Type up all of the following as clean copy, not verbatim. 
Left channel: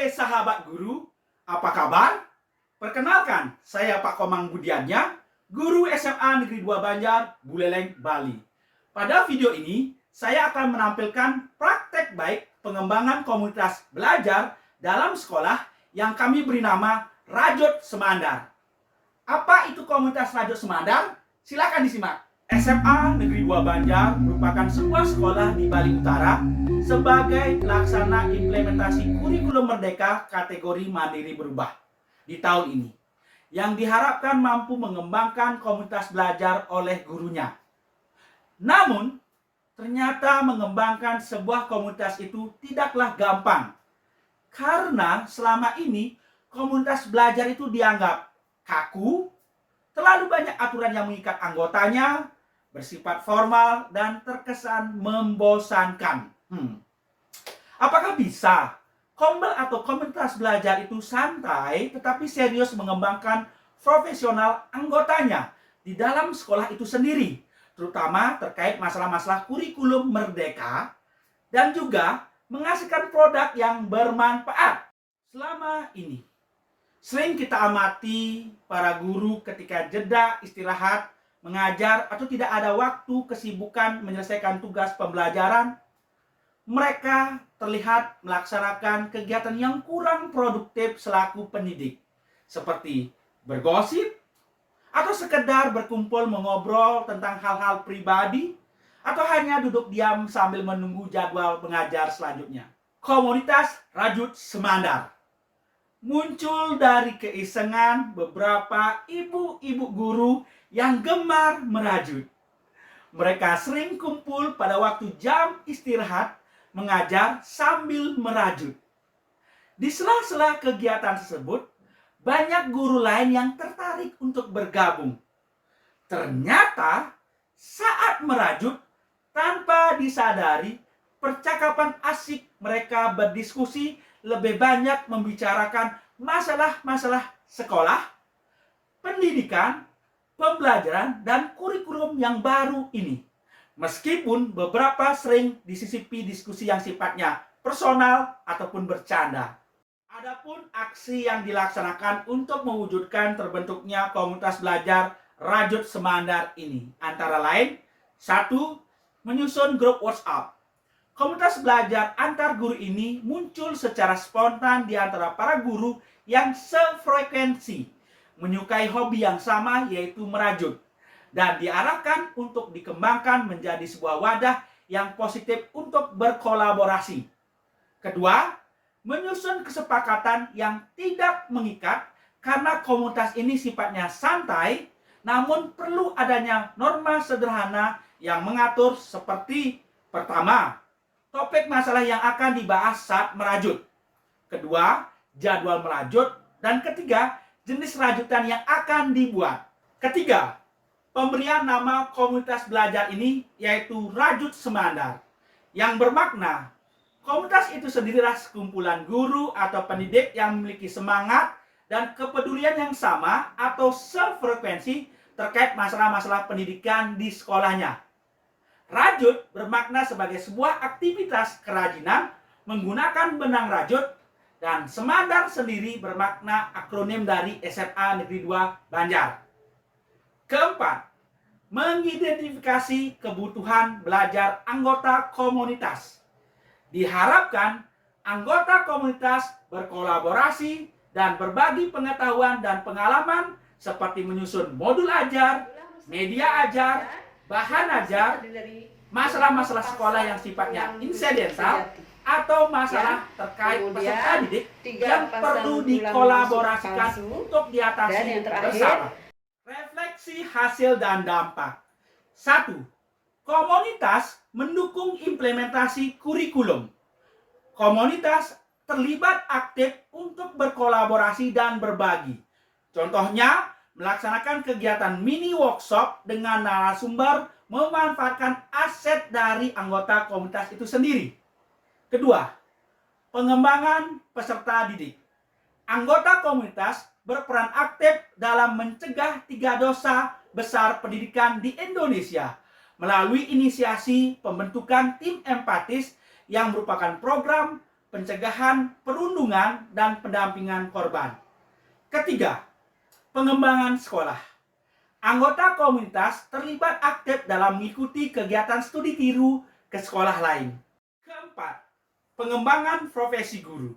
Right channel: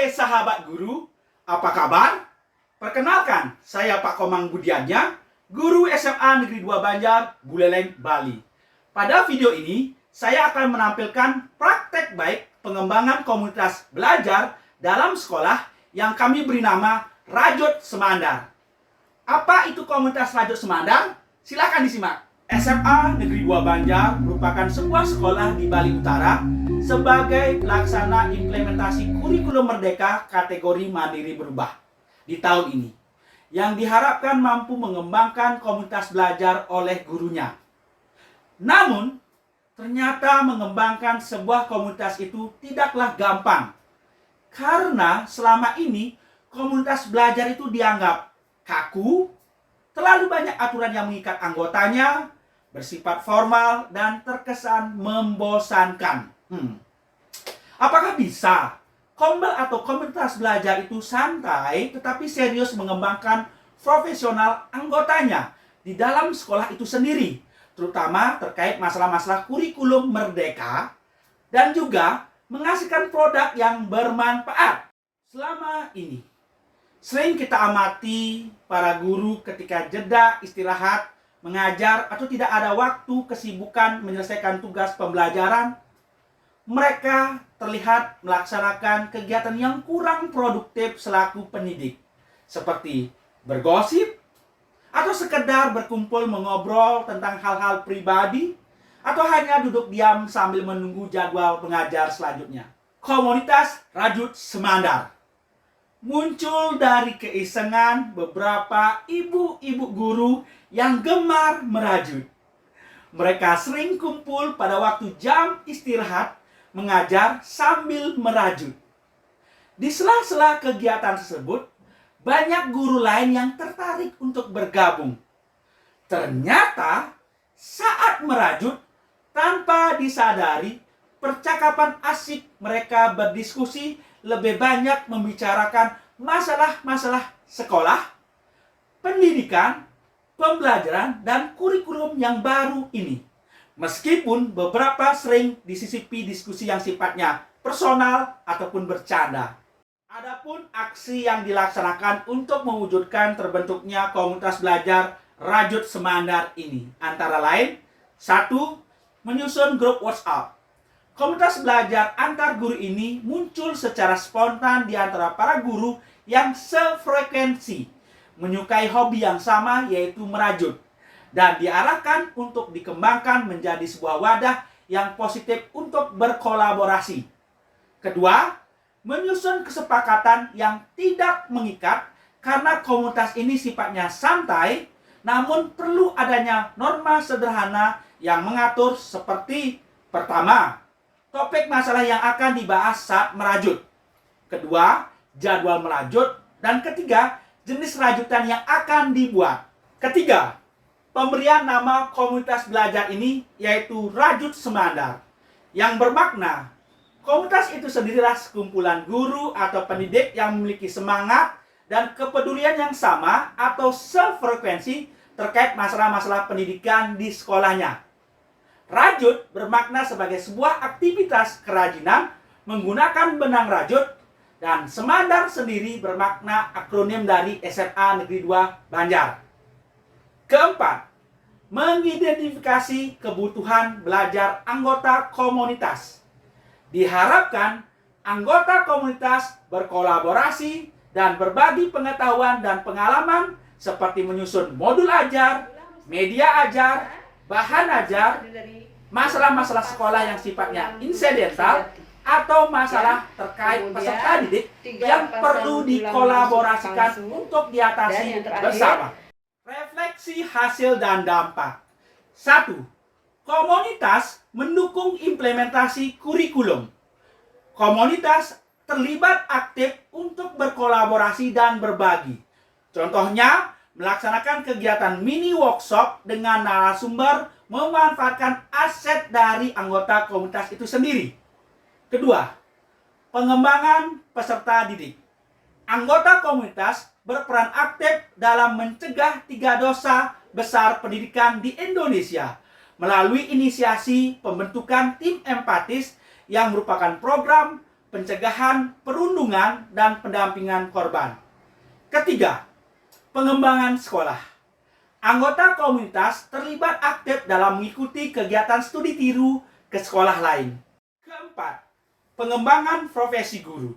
Hai sahabat guru, apa kabar? Perkenalkan, saya Pak Komang Budiannya, guru SMA Negeri 2 Banjar, Buleleng, Bali. Pada video ini, saya akan menampilkan praktek baik pengembangan komunitas belajar dalam sekolah yang kami beri nama Rajut Semandar. Apa itu komunitas Rajut Semandar? Silakan disimak. SMA Negeri 2 Banjar merupakan sebuah sekolah di Bali Utara sebagai pelaksana implementasi kurikulum merdeka kategori mandiri berubah di tahun ini, yang diharapkan mampu mengembangkan komunitas belajar oleh gurunya. Namun, ternyata mengembangkan sebuah komunitas itu tidaklah gampang, karena selama ini komunitas belajar itu dianggap kaku, terlalu banyak aturan yang mengikat anggotanya, bersifat formal, dan terkesan membosankan. Apakah bisa Kombel atau komunitas belajar itu santai tetapi serius mengembangkan profesional anggotanya di dalam sekolah itu sendiri, terutama terkait masalah-masalah kurikulum merdeka dan juga menghasilkan produk yang bermanfaat? Selama ini sering kita amati para guru ketika jeda istirahat mengajar atau tidak ada waktu kesibukan menyelesaikan tugas pembelajaran, mereka terlihat melaksanakan kegiatan yang kurang produktif selaku pendidik, seperti bergosip atau sekedar berkumpul mengobrol tentang hal-hal pribadi, atau hanya duduk diam sambil menunggu jadwal pengajar selanjutnya. Komunitas Rajut Semandar muncul dari keisengan beberapa ibu-ibu guru yang gemar merajut. Mereka sering kumpul pada waktu jam istirahat mengajar sambil merajut. Di sela-sela kegiatan tersebut, banyak guru lain yang tertarik untuk bergabung. Ternyata saat merajut, tanpa disadari, percakapan asik mereka berdiskusi lebih banyak membicarakan masalah-masalah sekolah, pendidikan, pembelajaran, dan kurikulum yang baru ini. Meskipun beberapa sering disisipi diskusi yang sifatnya personal ataupun bercanda. Adapun aksi yang dilaksanakan untuk mewujudkan terbentuknya komunitas belajar Rajut Semandar ini antara lain: 1. Menyusun grup WhatsApp. Komunitas belajar antar guru ini muncul secara spontan di antara para guru yang sefrekuensi, menyukai hobi yang sama, yaitu merajut, dan diarahkan untuk dikembangkan menjadi sebuah wadah yang positif untuk berkolaborasi. Kedua, menyusun kesepakatan yang tidak mengikat, karena komunitas ini sifatnya santai, namun perlu adanya norma sederhana yang mengatur, seperti: pertama, topik masalah yang akan dibahas saat merajut. Kedua, jadwal merajut. Dan ketiga, jenis rajutan yang akan dibuat. Ketiga, pemberian nama komunitas belajar ini yaitu Rajut Semandar, yang bermakna komunitas itu sendirilah sekumpulan guru atau pendidik yang memiliki semangat dan kepedulian yang sama atau sefrekuensi terkait masalah-masalah pendidikan di sekolahnya. Rajut bermakna sebagai sebuah aktivitas kerajinan menggunakan benang rajut, dan Semandar sendiri bermakna akronim dari SMA Negeri 2 Banjar. Keempat, mengidentifikasi kebutuhan belajar anggota komunitas. Diharapkan anggota komunitas berkolaborasi dan berbagi pengetahuan dan pengalaman, seperti menyusun modul ajar, media ajar, bahan ajar, masalah-masalah sekolah yang sifatnya insidental, atau masalah terkait peserta didik yang perlu dikolaborasikan untuk diatasi bersama. Refleksi hasil dan dampak. 1. Komunitas mendukung implementasi kurikulum. Komunitas terlibat aktif untuk berkolaborasi dan berbagi. Contohnya, melaksanakan kegiatan mini workshop dengan narasumber memanfaatkan aset dari anggota komunitas itu sendiri. Kedua, pengembangan peserta didik. Anggota komunitas berperan aktif dalam mencegah 3 dosa besar pendidikan di Indonesia melalui inisiasi pembentukan tim empatis yang merupakan program pencegahan perundungan dan pendampingan korban. Ketiga, pengembangan sekolah. Anggota komunitas terlibat aktif dalam mengikuti kegiatan studi tiru ke sekolah lain. Keempat, pengembangan profesi guru.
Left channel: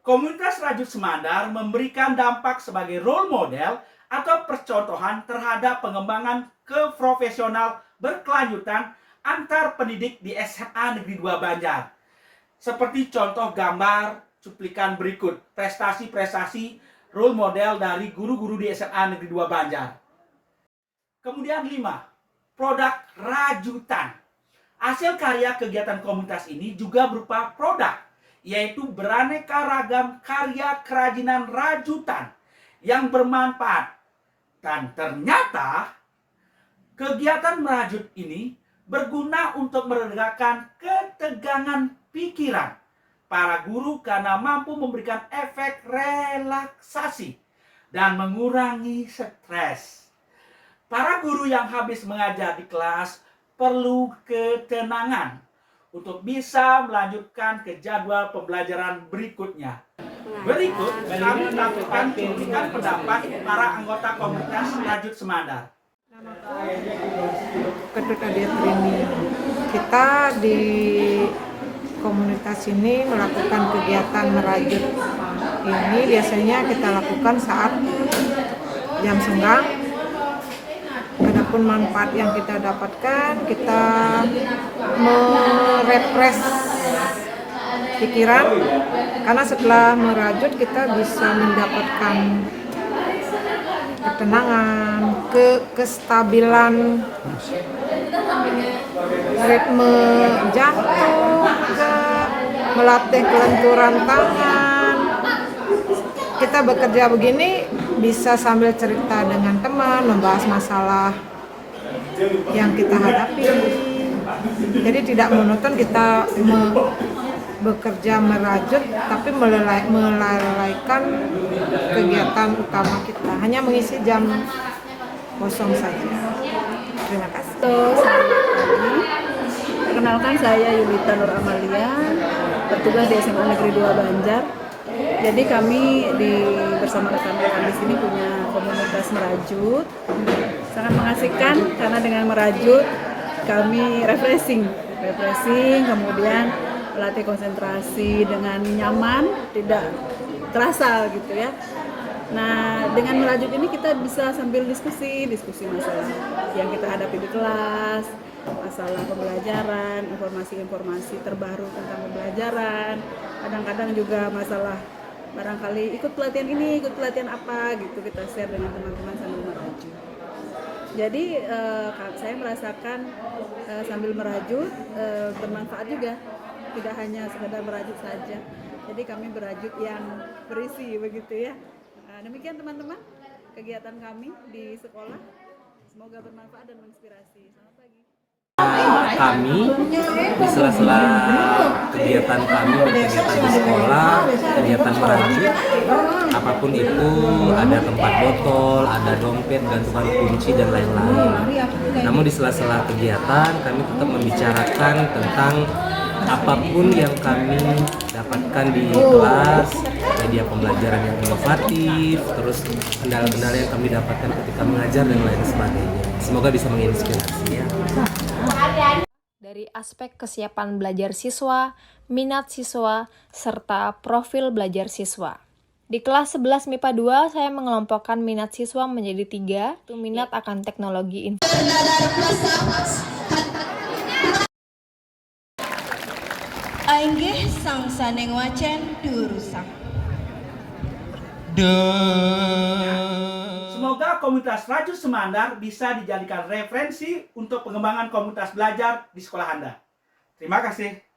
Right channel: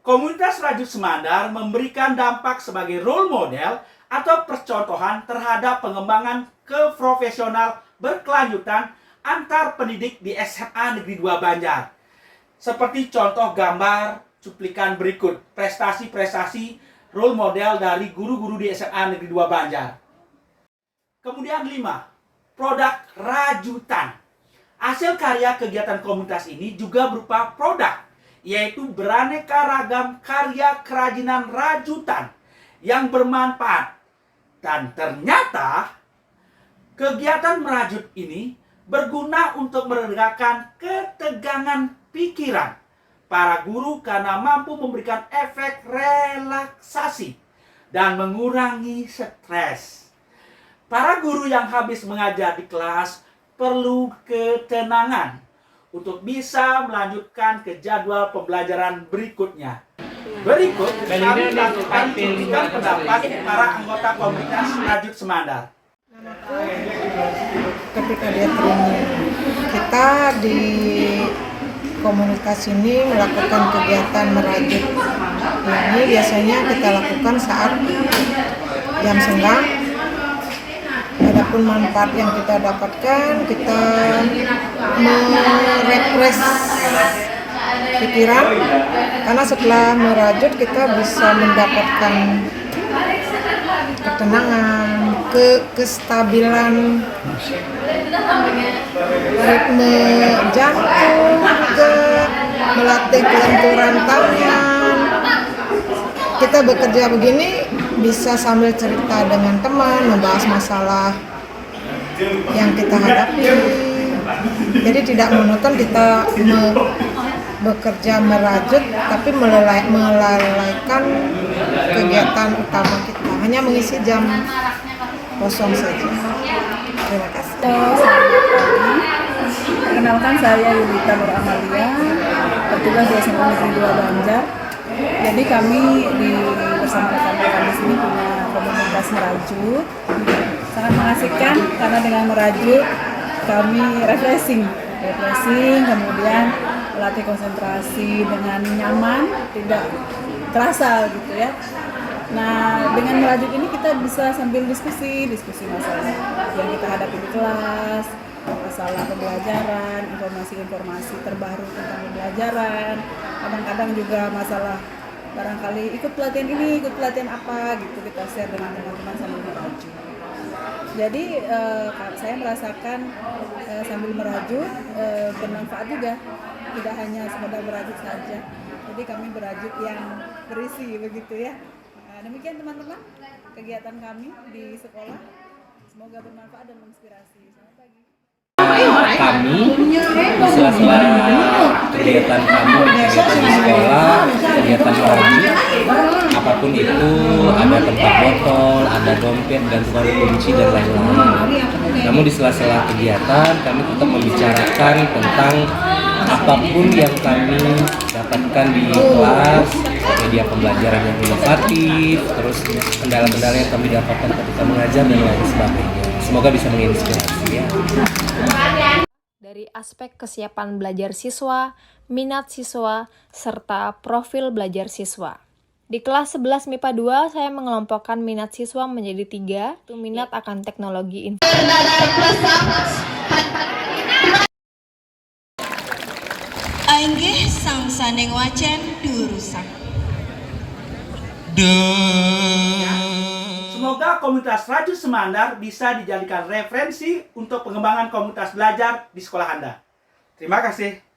Komunitas Rajut Semandar memberikan dampak sebagai role model atau percontohan terhadap pengembangan keprofesional berkelanjutan antar pendidik di SMA Negeri 2 Banjar. Seperti contoh gambar cuplikan berikut prestasi-prestasi role model dari guru-guru di SMA Negeri 2 Banjar. Kemudian 5, produk rajutan. Hasil karya kegiatan komunitas ini juga berupa produk, yaitu beraneka ragam karya kerajinan rajutan yang bermanfaat. Dan ternyata kegiatan merajut ini berguna untuk meredakan ketegangan pikiran para guru karena mampu memberikan efek relaksasi dan mengurangi stres. Para guru yang habis mengajar di kelas perlu ketenangan untuk bisa melanjutkan ke jadwal pembelajaran berikutnya. Berikut kami lakukan cuplikan pendapat para anggota komunitas Rajut Semandar. Ketika dia training, kita di komunitas ini melakukan kegiatan merajut. Ini biasanya kita lakukan saat jam senggang. Adapun manfaat yang kita dapatkan, kita merefresh pikiran, karena setelah merajut kita bisa mendapatkan ketenangan, kestabilan ritme jantung, melatih kelenturan tangan. Kita bekerja begini bisa sambil cerita dengan teman, membahas masalah yang kita hadapi. Jadi tidak monoton kita bekerja merajut, tapi melalaikan kegiatan utama kita, hanya mengisi jam kosong saja. Terima kasih. Selamat pagi. Perkenalkan, saya Yulita Nur Amalia, bertugas di SMA Negeri 2 Banjar. Jadi kami bersama rekan-rekan di sini punya komunitas merajut. Sangat mengasihkan karena dengan merajut kami refreshing, kemudian melatih konsentrasi dengan nyaman, tidak terasa gitu ya. Nah, dengan merajut ini kita bisa sambil diskusi masalah yang kita hadapi di kelas, masalah pembelajaran, informasi-informasi terbaru tentang pembelajaran. Kadang-kadang juga masalah barangkali ikut pelatihan ini, ikut pelatihan apa gitu, kita share dengan teman-teman sambil merajut. Jadi saya merasakan sambil merajut bermanfaat juga, tidak hanya sekedar merajut saja. Jadi kami berajut yang berisi begitu ya. Demikian teman-teman kegiatan kami di sekolah, semoga bermanfaat dan menginspirasi. Selamat pagi. Kami di sela-sela kegiatan kami di sekolah, kegiatan merajut, apapun itu, ada tempat botol, ada dompet, gantungan kunci dan lain-lain. Namun di sela-sela kegiatan kami tetap membicarakan tentang apapun yang kami dapatkan di kelas, media pembelajaran yang inovatif, terus kendala-kendala yang kami dapatkan ketika mengajar dan lain sebagainya. Semoga bisa menginspirasi ya. Dari aspek kesiapan belajar siswa, minat siswa, serta profil belajar siswa. Di kelas 11 MIPA 2, saya mengelompokkan minat siswa menjadi 3, itu minat akan teknologi informasi. Ainggih sang saneng wacen durusak. Semoga komunitas Rajut Semandar bisa dijadikan referensi untuk pengembangan komunitas belajar di sekolah Anda. Terima kasih.